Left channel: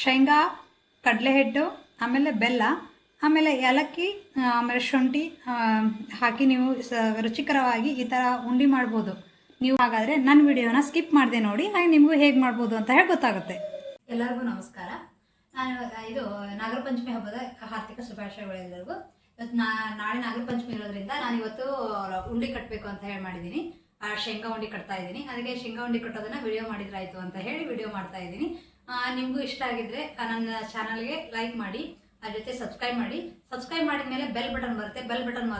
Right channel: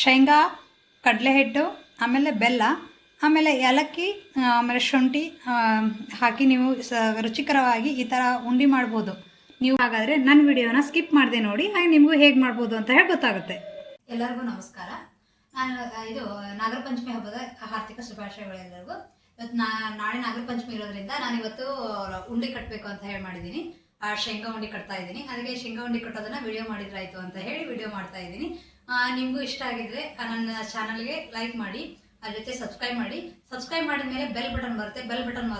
ಶೇಂಗಾ, ಕಡಲೆ ಹಿಟ್ಟು, ಆಮೇಲೆ ಬೆಲ್ಲ, ಆಮೇಲೆ ಏಲಕ್ಕಿ, ಆಮೇಲೆ ಶುಂಠಿ ಹಾಕಿ ನೀವು ರುಚಿಕರವಾಗಿ ಈ ಥರ ಉಂಡೆ ಮಾಡ್ಬೋದು ನೀವು. ಹಾಗಾದರೆ ನನ್ನ ವಿಡಿಯೋನ ಸ್ಕಿಪ್ ಮಾಡಿದೆ ನೋಡಿ, ಹಾಗೆ ನಿಮಗೂ ಹೇಗೆ ಮಾಡ್ಬೋದು ಅಂತ ಹೇಳಿ ಗೊತ್ತಾಗುತ್ತೆ. ಎಲ್ಲರಿಗೂ ನಮಸ್ಕಾರ. ನಾನು ಇದು ನಾಗರ ಪಂಚಮಿ ಹಬ್ಬದ ಹಾರ್ದಿಕ ಶುಭಾಶಯಗಳೆಲ್ಲರಿಗೂ. ಇವತ್ತು ನಾಳೆ ನಾಗರ ಪಂಚಮಿ ಇರೋದ್ರಿಂದ ನಾನು ಇವತ್ತು ಉಂಡೆ ಕಟ್ಟಬೇಕು ಅಂತ ಹೇಳಿ ಮಾಡಿದ್ದೀನಿ. ಶೇಂಗಾ ಉಂಡೆ ಕಟ್ತಾ ಇದ್ದೀನಿ. ಅದಕ್ಕೆ ಶೇಂಗಾ ಉಂಡೆ ಕಟ್ಟೋದನ್ನು ವಿಡಿಯೋ ಮಾಡಿದ್ರಾಯ್ತು ಅಂತ ಹೇಳಿ ವಿಡಿಯೋ ಮಾಡ್ತಾ ಇದ್ದೀನಿ. ನಿಮಗೂ ಇಷ್ಟ ಆಗಿದ್ರೆ ನನ್ನ ಚಾನಲ್ಗೆ ಲೈಕ್ ಮಾಡಿ, ಅದ್ರ ಜೊತೆ ಸಬ್ಸ್ಕ್ರೈಬ್ ಮಾಡಿ. ಸಬ್ಸ್ಕ್ರೈಬ್ ಮಾಡಿದ ಮೇಲೆ ಬೆಲ್ ಬಟನ್ ಬರುತ್ತೆ, ಬೆಲ್ ಬಟನ್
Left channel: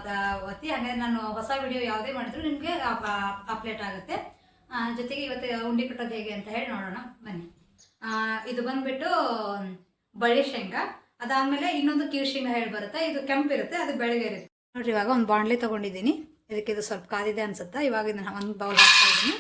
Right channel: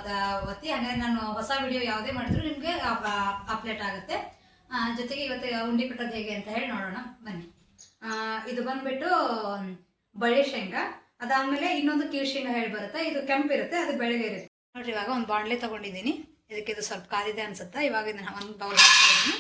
ಒತ್ತಿ. ಹಾಗಾಗಿ ನಾನು ಹೊಸ ವಿಡಿಯೋ ಯಾವುದೇ ಮಾಡಿದ್ರು ನಿಮಗೆ ಅಪ್ಡೇಟ್ ಆಗುತ್ತೆ. ಜೊತೆಗೆ ಇವತ್ತು ಉಂಡೆ ಕಟ್ಟೋದು ಹೇಗೆ ಅಂತ ಹೇಳಿ ನೋಡೋಣ ಬನ್ನಿ. ಇದು ಬಂದ್ಬಿಟ್ಟು ಬಳ್ಳಿ ಶೇಂಗಾ, ಅದಾದಮೇಲೆ ಇನ್ನೊಂದು ಕಿವಿ ಶೇಂಗಾ ಹೇಳಿ ಬರುತ್ತೆ. ಇದು ಕೆಂಪಿರುತ್ತೆ, ಅದು ಬೆಳಗ್ಗೆ ಇರುತ್ತೆ ನೋಡಿರಿ. ಇವಾಗ ಒಂದು ಬಾಣಲೆ ತೊಗೊಂಡಿದ್ದೀನಿ. ಇದಕ್ಕೆ ಇದು ಸ್ವಲ್ಪ ಕಾದಿದೆ ಅನ್ಸುತ್ತೆ. ಇವಾಗ ಇದನ್ನ ಒಂದು ಬೌಲ್ ಹಾಕ್ತಾ ಇದ್ದೀನಿ.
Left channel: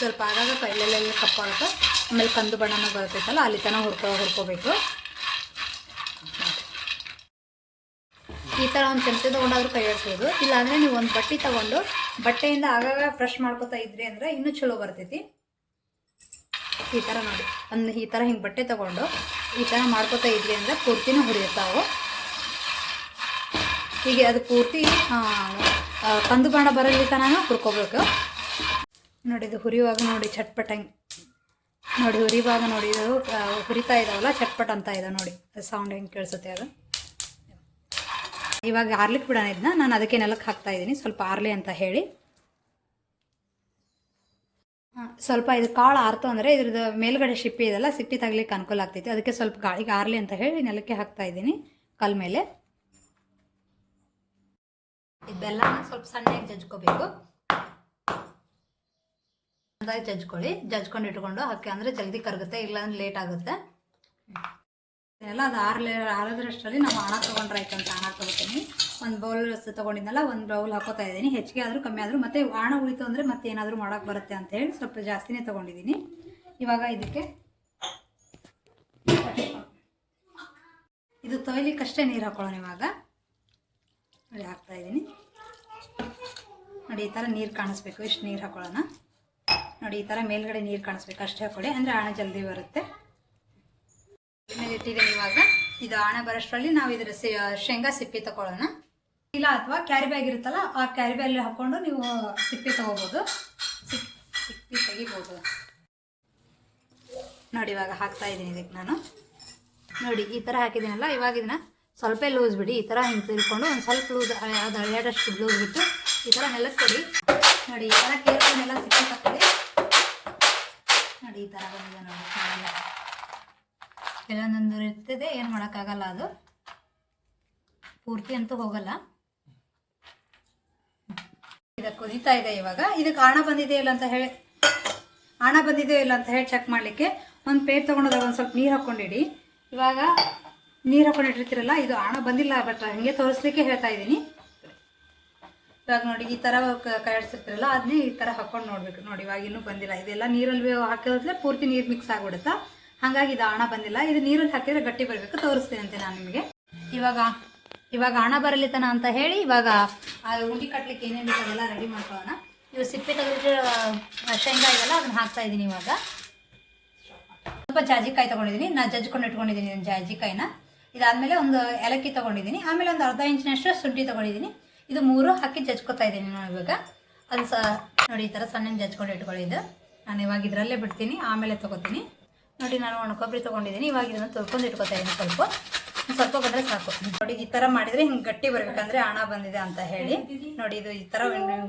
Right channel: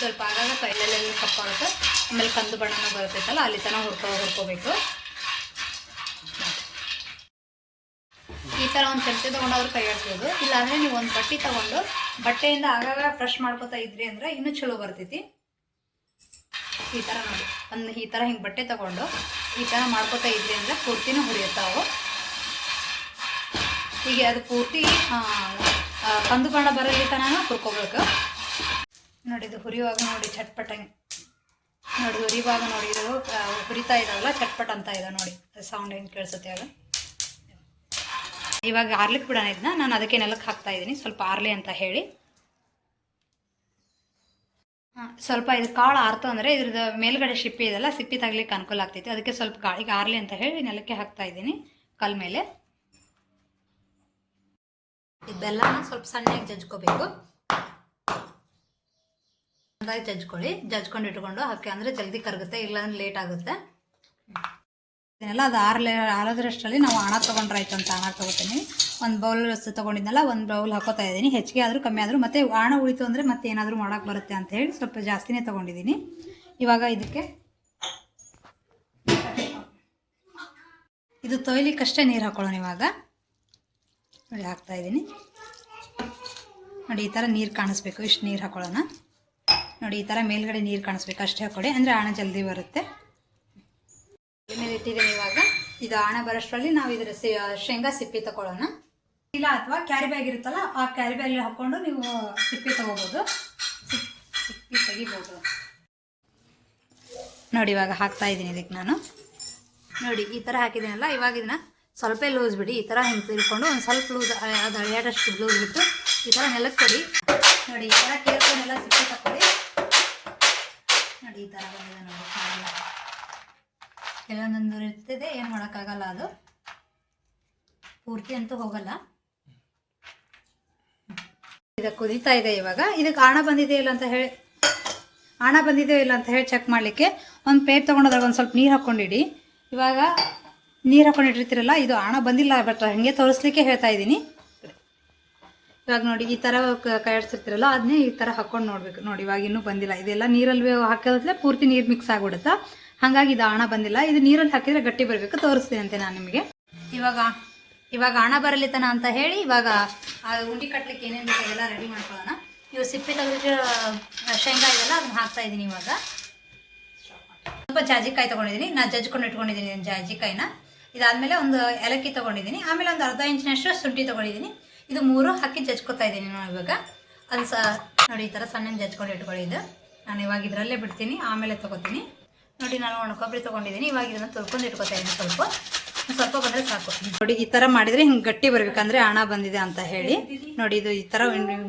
ಸ್ವಲ್ಪ ಆಗಾಗ ಕೈಲೆಲ್ಲ ಕಪ್ಪಾಗುತ್ತೆ. ಆಮೇಲೆ ಕಂದು ಬಣ್ಣನೂ ಬರ್ತೈತಲ್ಲ, ಅಲ್ಲಿ ತನಕ ಹುರ್ಕೋಬೇಕು. ಈ ಥರ ಒಂದು ಚಮಚೆ ತೊಗೊಂಡವ್ರು ಕೈ ಆಡಿಸ್ಬೋದು. ಇಲ್ಲಾಂದರೆ ನೀವು ಒಂದು ಬಟ್ಟೆ ತೊಗೊಂಡು ಬಟ್ಟೆಯಿಂದ ಆಗಾಗ ಫ್ರೆಶ್ ಮಾಡ್ಕೊತಾ ಇದ್ರಿ ಅಂದರೆ ಇನ್ನೂ ಚಲೋ ಬರ್ತೈತಿ. ಈ ಥರ ನೋಡಿ, ಈ ಥರ ಹಿಂಗೆ ಬಟ್ಟೆ ತೊಗೊಂಡು ಈ ಥರ ಮಾಡ್ಕೊತಾ ಇದ್ರಿ ಅಂದರೆ ಪೂರ್ತಿನೂ ಹುರಿಯುತ್ತಾವು. ಹೀಗೆ ಅದು ಪೂರ್ತಿ ಕಂದು ಬಣ್ಣ ಬರಲಿ ತನಕ ಹುರ್ಕೋಬೇಕು ನೋಡಿ. ಇದು ಹುರಿಯುವಾಗ ನೋಡಿ ಚಟ್ಪಟ ನೋಡಿ, ಹುರಿಯುವಾಗ ನೋಡಿ ಇದು ಹುರಿತಾ ಇದ್ದಾವಲ್ಲ, ಚಟ್ಪಟ್ ಅಂತ ಇದೆ ನೋಡಿ, ಸೌಂಡ್ ಹೆಂಗೆ ಕೇಳಿಸುತ್ತೆ ಆಗ. ಇವಾಗ ಆರ್ಲಿಕ್ಕೆ ಬಿಡೋಣ ಇದನ್ನ. ನಾನು ಅದಕ್ಕೆ ನೆಲಕ್ಕೆ ಹಾಕ್ತಾ ಇದ್ದೀನಿ ಸ್ವಲ್ಪ ಆರ್ಲಿ ಅಂತ ಹೇಳಿ. ಸ್ವಲ್ಪ ಇದು ಕಾಳು ಆರ್ತು ಅಂದರೆ ಇದ್ರದ್ದು ಮೇಲ್ಗಡೆ ಸಿಪ್ಪಿ ಇದೆಲ್ಲ, ಸಿಪ್ಪಿ ತಗಲಿಕ್ಕೆ ಅನುಕೂಲ ಆಗ್ತೈತಿ. ಅದಕ್ಕೆ ಸ್ವಲ್ಪ ಗಾಳಿಗೆ ಆರ್ಲಿ ಅಂತ ಹೇಳಿ ನೆಲಕ್ಕೆ ಹಾಕ್ತಾ ಇದ್ದೀನಿ ಕಲ್ ಮೇಲೆ. ಈ ಬೆಲ್ಲನ ಸ್ವಲ್ಪ ಸಣ್ಣಗೆ ಜಜ್ಕೋಬೇಕು. ಜಜ್ಕೊಂಡು ಇಟ್ಕೊಂಡು ಹಾಕಿ ಅಂದರೆ ಜಲ್ದಿ ಕರಗುತ್ತೆ, ಇಲ್ಲಾಂದ್ರೆ ಲೇಟ್ ಆಗುತ್ತೆ. ಇದನ್ನೆಲ್ಲ ಅದು ಆರೋದ್ರಷ್ಟರಲ್ಲಿ ನಾವು ಹಣ ತೊಗೊಂಡ್ರಾಯ್ತು ಅಂತ ಹಣ ತೊಗೋತೀನಿ. ಒಂದು ಬೌಲ್ ತೊಗೊಂಡಿದ್ನಲ್ಲ, ಒಂದು ಬೌಲ್ ಹಾಕೋತಾ ಇದ್ದೀನಿ. ಹೆಚ್ಚಿಗೆ ಆದರೂ ಕಮ್ಮಿ ಆದರೂ ಮತ್ತೆ ಹಣ ಉಳಿತು ಅಂದರೆ ಮತ್ತೆ ಏನಾದರೂ ಮಾಡೋಕ್ಕೆ ಬರುತ್ತೆ ಅಂತ ಹೇಳಿ ಸ್ವಲ್ಪ ಜಾಸ್ತಿನೇ ತೊಗೊಂಡಿದ್ದೀನಿ. ಇವಾಗ ಇದಕ್ಕೆ ಇದು ತೊಯ್ಲಿಕ್ಕಷ್ಟೇ ನೀರು ಹಾಕೊಳ್ಳೋಣ. ಇವಾಗ ನೋಡಿ ಹಾಕ್ತಾಯಿದ್ದೀನಿ ನೋಡಿ. ಈ ಥರ ನೀರು ಕಾಣಿಸ್ಬೇಕು, ಇಷ್ಟು ನೀರು ಹಾಕೊಳ್ಳೋಣ ನೋಡಿ. ಈ ಥರ ಮೇಲ್ಗಡೆ ನೀರು ಕಾಣಿಸ್ಬೇಕು, ಅಷ್ಟೇ ಹಾಕೊಳ್ಳಿ, ಅಂದರೆ ಹಣ ಜಲ್ದಿ ಬರುತ್ತೆ. ಇಟ್ಟಿದ್ದೀನಿ. ಇವಾಗ ಇದು ಹಣ ಬರೋಷ್ಟರಲ್ಲಿ ನಾವು ಇದರ ಶೇಂಗಾ ಸಿಪ್ಪಿ ತಗೊಳ್ಳೋಣ. ಇಲ್ಲ ಅಥವಾ ಕ್ಯಾರಿ ಬ್ಯಾಗ್ ಇರುತ್ತಲ್ಲ, ಆ ಕ್ಯಾರಿ ಬ್ಯಾಗ್ ಹಾಕ್ಕೊಂಡು ನೀವು ಸಿಪ್ಪಿ ತಗೋಬೋದು, ಸಿಪ್ಪಿ ತೆಗಿಬೋದು ನೋಡಿ. ಇವಾಗ ಹಾಕ್ತಾ ಇದ್ದೀನಿ ಇದಕ್ಕೆ ನಾನು ನೋಡಿ. ಈ ಥರ ಹಾಕಿದ್ದೀನಲ್ಲ, ಇವಾಗ ಇದನ್ನ ಸ್ವಲ್ಪ ಲೂಸ್ ಬಿಡಿ. ಈ ಥರ ಹಿಂಗೆ ತಿಳ್ಕೊಂಡು ಒಂದು ಸ್ವಲ್ಪ ಲೂಸ್, ಅದು ಅಳಿಯಾಡಷ್ಟು ಲೂಸ್ ಬಿಟ್ಟು ಈ ಥರ ನೆಲಕ್ಕೆ ಕೊಡಿ ನೋಡಿ. ಈ ಥರ ಕೇಳ್ಕೊಂಡೆಲ್ಲ ಸಿಪ್ಪಿ ತಗೊಳ್ಳಿ ನೋಡಿ. ಈ ಥರ ಬಂದಿದೆ ನೋಡಿ. ಕೆಲವೊಂದೊಂದು ಇರ್ತದೆ, ಏನು ಮಾಡೋಕ್ಕಾಗಲ್ಲ, ಅದು ಪೂರ್ತಿ ಅಂತೂ ಹೋಗಲ್ಲ. ಇದಕ್ಕೆ ಕುದೀತಾ ಇದೆ. ಇವಾಗ ಇದಕ್ಕೆ ಹಣ ಬಂದಿದೆಯೋ ಇಲ್ಲ ಅಂತ ಹೇಳಿ ಚೆಕ್ ಮಾಡಲಿಕ್ಕೆ ಒಂದು ಪ್ಲೇಟ್ ತೊಗೊಂಡೋದ್ರೆ ಒಂದು ಸ್ವಲ್ಪ ನೀರು ಹಾಕ್ಕೊಂಡಿಡಿ. ಇವಾಗ ನೀರು ಹಾಕ್ಕೊಂಡಿಟ್ಟಿರ್ತೀರಲ್ಲ, ಇದು ಹಣ ಬಂದಿಲ್ಲ, ಬಟ್ ಹಾಗೆ ತೋರಿಸ್ಲಿಕ್ಕೆ ಹೇಳ್ತಾ ಇದ್ದೀನಿ. ಇವಾಗ ನೋಡಿ, ಈ ಥರ ಕೈ ಆಡಿಸಿರ್ತೀರಲ್ಲ, ಅದನ್ನೇ ಈ ಥರ ಹಾಕ್ಕೊಂಡು ನೋಡಬೇಕು ನೋಡಿ. ಇವಾಗ ಇನ್ನೂ ಬಂದಿಲ್ಲ. ಇದೆಲ್ಲ ನೀರಲ್ಲಿ ಹಾಕಿದ್ರೆ ಪೂರ್ತಿ ನೀರು ಮಿಕ್ಸ್ ಆಗಿಬಿಡುತ್ತಾ, ಹಾಗಾಗಿ ಇದು ಹಣ ಬಂದಿಲ್ಲ. ಇದು ನೀರಲ್ಲಿ ಹಾಕಿದರೆ ಗಟ್ಟಿ ಬರಬೇಕು, ತೋರಿಸ್ತೀನಿ ಅಂತೆ ನಾನು ನಿಮಗೆ. ಇವಾಗ ಹಣ ಬರಲಿತನ ಅಂತ ಹೇಳಿ ಇವಾಗ ಉಂಡೆ ಕಟ್ಟಲಿಕ್ಕೆ ಏನೇನು ಬೇಕು ಅದೆಲ್ಲ ರೆಡಿ ಮಾಡ್ಕೊಳ್ಳೋಣ. ಇವು ಸಿಪ್ಪೆ ತೆಗೆದಿಟ್ಟು ಶೇಂಗಾ ಇದೆಲ್ಲ ಅದನ್ನು ಹಾಕ್ತಾ ಇದ್ದೀನಿ. ಇವಾಗ ಸ್ವಲ್ಪ ಜಾಜಿಕಾಯಿ ತೊಗೊಂಡಿದ್ದೀನಿ, ನಾನು ಜಜ್ಕೊಂಡು ಇಟ್ಕೊಂಡಿದ್ದೀನಿ ಜಾಜಿಕಾಯಿನ. ಇದಾದಮೇಲೆ ಒಂದು ಏಲಕ್ಕಿ ತೊಗೊಂಡಿದ್ದೀನಿ, ಆಮೇಲೆ ಒಂದು ಅರ್ಧ ಇಂಚಿನಷ್ಟು ಶುಂಠಿ ತೊಗೊಂಡಿದ್ದೀನಿ. ಇದು 3 ಹಾಕಿ ಜಜ್ಕೊತಾ ಇದ್ದೀನಿ ನಾನು. ಇವಾಗ ಅದು ನೋಡಿ, ಈ ಥರ ಸಣ್ಣ ಜಜ್ಕೊಂಡು ಇಟ್ಕೊಳ್ಳಿದ್ದು. ನಾನು ಇವಾಗ ಇದರಲ್ಲೇ ಬಿಡ್ತೀನಿ, ಆಮೇಲೆ ತೊಗೋತೀನಿ ನೋಡಿ. ನಾನು ಒಣ ಕೊಬ್ಬರಿ ತೊಗೊಂಡಿದ್ದೀನಿ. ಇವಾಗ ಇದನ್ನು ತೊಳ್ಕೊಂಡು ಇಟ್ಕೊತಾ ಇದ್ದೀನಿ. ಸ್ವಲ್ಪ ಬಂದರೆ ಸಾಕು ನೋಡಿ. ಈ ಥರ ಮಾಡಿದರೆ ಹಿಂಗೆ ಗಟ್ಟಿ ಬರಬೇಕಂದ್ರೆ ಹಣ ಬಂದಿದೆ ಅಂತ ಹೇಳಿ ನೋಡಿ. ಇದು ಈ ಥರ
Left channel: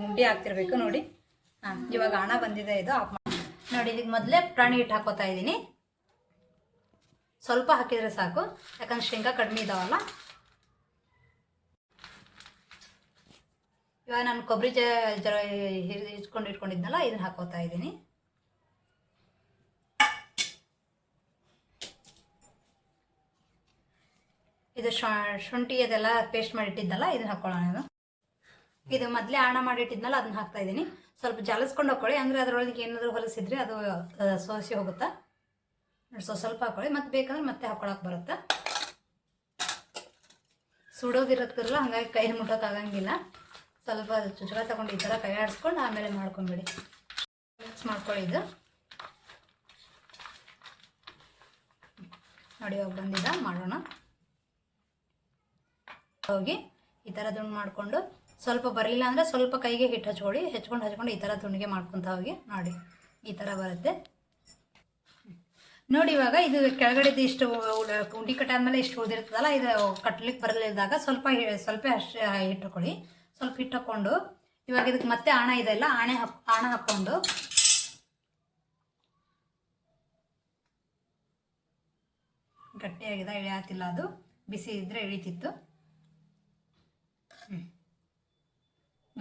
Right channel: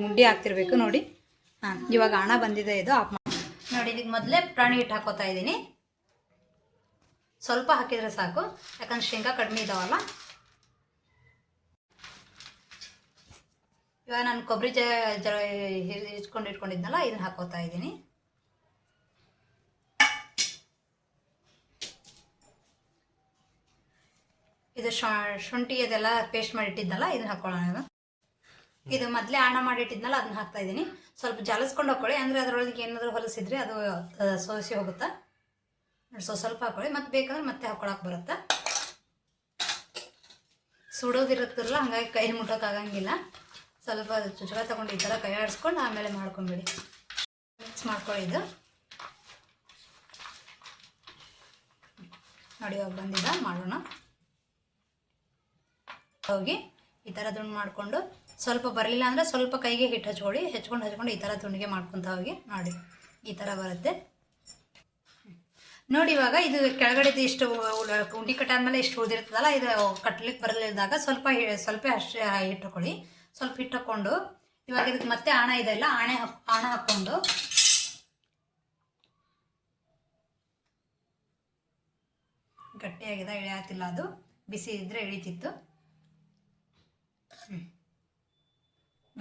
ಉಂಡೆ ಆಗ್ತಿರ್ಬೇಕು ನೋಡಿ. ಇವಾಗ ಹಣ ಬಂದಿದೆ. ಇದು ಆಫ್ ನೋಡಿ. ಇದಕ್ಕೆ ಮೊದಲೇ ಪ್ರಾಣಿ ಹಿಟ್ಟು ಹಾಕೋತಾ ಇದ್ದೀನಿ. ಸ್ವಲ್ಪ ಹಾಕಿದರೆ ಸಾಕು, ಯಾಕಂದ್ರೆ ಶೇಂಗಾ ಕಡಿಮೆ ಇದ್ದಾವಲ್ಲ. ಇವಾಗ ನಾನು ಕೊಬ್ಬರಿ ಹಿಚ್ಕೊಂಡು ಇಟ್ಕೊಂಡಿದ್ನಲ್ಲ, ಇದನ್ನು ಹಾಕೋತಾ ಇದ್ದೀನಿ. ಇದು ಶುಂಠಿ ಅದೆಲ್ಲ ಪೇಸ್ಟ್ ಮಾಡಿ ಇಟ್ಟಿದ್ನಲ್ಲ, ಇದನ್ನ ಹಾಕೊಳ್ಳೋಣ. ಇದು ಮೊದಲೇ ಹಣ ಮಾಡಿಟ್ಟಿದ್ನಲ್ಲ, ಅದನ್ನ ಹಾಕ್ತಾ ಇದ್ದೀನಿ. ಸ್ವಲ್ಪ ಜಾಲಿಸ್ಕೊಂಡು ಹಾಕೊಳ್ಳಿ, ಅಂದರೆ ಅದರೊಳಗೆ ಏನಾದರೂ ಹೊಲಸಿದ್ರೆ ಅದು ಸೋಸಿ ಹೋಗುತ್ತಾ. ಸ್ವಲ್ಪ ಹಾಕೊಳ್ಳಿ, ಮತ್ತೆ ಬೇಕಂದ್ರೆ ಮತ್ತೆ ಹಾಕೊಳಕ್ಕೆ ಬರುತ್ತೆ. ಸುಡೋದಿರುತ್ತಲ್ಲ, ಹಾಗಾಗಿ ಕೈ ಮುಟ್ಟೋಕ್ಕಾಗಂಗಿಲ್ಲ. ಸ್ವಲ್ಪ ಚುಚುಕ ತೊಗೊಂಡು ಈ ಥರ ಕೈ ಆಡಿಸ್ಕೊಂಡು ಆಮೇಲೆ ಮಾಡ್ಕೊಂಬಿಡಿ. ಮಿಕ್ಸ್ ಮಾಡ್ಕೊಳ್ಳಿ. ಇದು ನೋಡಿ ಇವಾಗ ಬಂದಿದ್ದ ಮಾಡೋಣ. ಹೋಗಿ ಈ ಥರ ದುಂಡು ಮಾಡಿಕೊಂಡು ಸ್ವಲ್ಪ ಬರಲಿಲ್ಲ ಅಂದರೆ ಸ್ವಲ್ಪ ಕೈಗೆ ಹಿಟ್ಟು ಹಚ್ಕೊಂಡು ಈ ಥರ ದುಂಡಿಗೆ ಮಾಡ್ಕೊತ ಹೋಗಿ. ನೋಡಿ ಈ ಥರ ಬರುತ್ತೆ ನೋಡಿ. ಇವಾಗ ಇದು ಕೆಳಗಡೆದು ಇಷ್ಟು ಉಂಡಿ ಕಟ್ಟಾದ್ಮೇಲೆ ಇಷ್ಟು ಉಳಿದಿರ್ತದಲ್ಲ, ಇದು ಕಟ್ಲಿಕ್ಕೆ ಬರಲಿದ್ದಾಗ ಸ್ವಲ್ಪ ಅಷ್ಟೇ ಹಿಟ್ಟು ಹಾಕೊಳ್ಳಿ. ಸ್ವಲ್ಪ ಹಿಟ್ಟು ಹಾಕ್ಕೊಂಡು ಇವಾಗ ಇದಕ್ಕೆ ಮತ್ತೆ ಆಣ ಇದೆಲ್ಲ ಆಣ ಹಾಕ್ಕೊಂಡು ಗಟ್ಟಿಯಾಗಿದೆ, ಇಳಿಯಾತಿಲ್ಲ. ಅದು ಬಿಸಿ ಇದ್ದರೆ ಇಳಿತಿತ್ತು.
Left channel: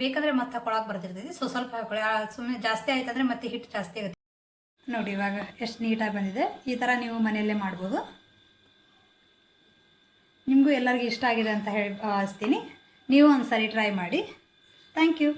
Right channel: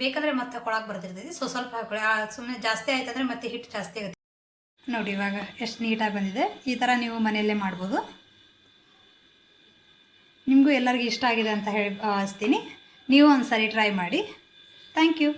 ಬೇಕಂದರೆ ಮತ್ತೆ ಹಾಕೊಳಕ್ಕೆ ಬರ್ತಿರ್ತೈತಿ. ಸ್ವಲ್ಪ ಹಾಕೊಳ್ಳಿ. ಸುಮ್ಮನೆ ಜಾಸ್ತಿ ಆಯ್ತಂದರೆ ಮತ್ತೆ ಹಿಟ್ಟು ಜಾಸ್ತಿ ಆಗುತ್ತೆ. ನೋಡಿ ಇವಾಗ ಎಷ್ಟು ನೀಟಾಗಿ ಬಂದಿದೆ. ಈ ಥರ ನೀವು ಮನೆಯಲ್ಲೇ ಮಾಡ್ಬೋದು. ನಿಮಗೂ ಎಲ್ಲರಿಗೂ ಇಷ್ಟ ಆಗಿದೆ ಅಂತ ಹೇಳಿ ಭಾವಿಸ್ತೀನಿ. ನೀವು ಒಂದು ಸಾರಿ ಟ್ರೈ ಮಾಡಿ. Thank you.